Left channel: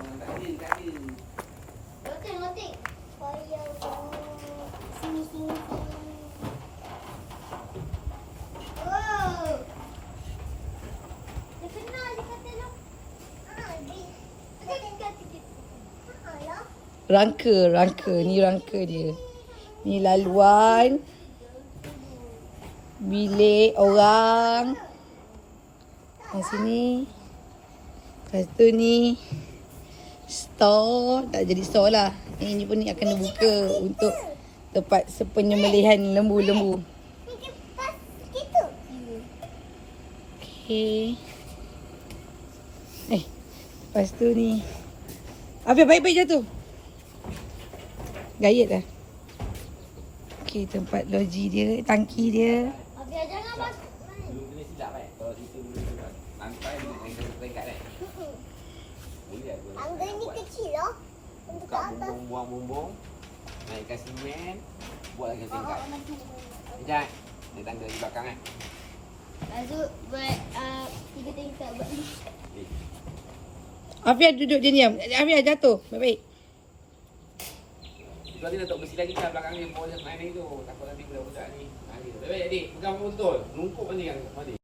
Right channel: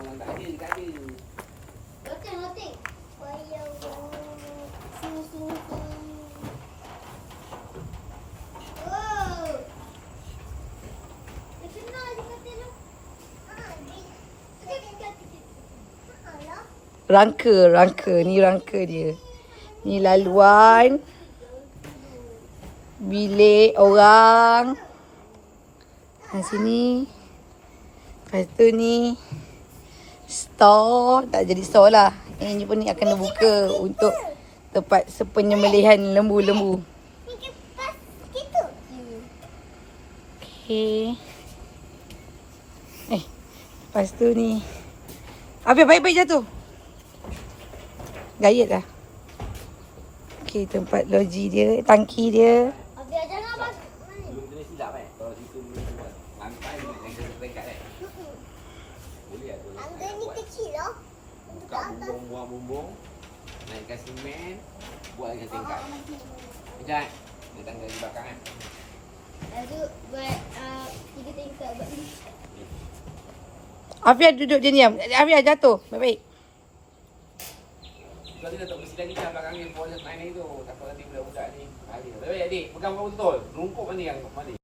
Loting. Sini, sini, sini. Oh. Kenal dia kata tu. Rangka. Ni rangka dia. Ni laluan. Bilik orang. Di sini. Lepas tu ni. Store. Tak jadi store lah. Ini pun ni akan dibuka untuk tempat sepenyembelihan lembu-lembu. Okay. Lepas tu ni. Afia baik-baik jatuh. Gayet lah. Okay, tempat loji dia, tangki dia. Abia jangan bas. Boleh silap kalau situ lantai dengan angle peringkat boleh ada. Tangga ni kecil lah. Buka bumbung, naikkan semen, buat lagi tingkat. Sekejap. Dia tangga di belakang kan. Lepas tu buat 3 tingkat buat ni. Afia duduk dia diam. Afia jatuh. Baik-baik. Kalau kita tak bersih lagi kan belakang ni, boleh main lagi tu. Takut nanti budak-budak ni. Adik, pegang betul. Rungkuk ni kan. Mari.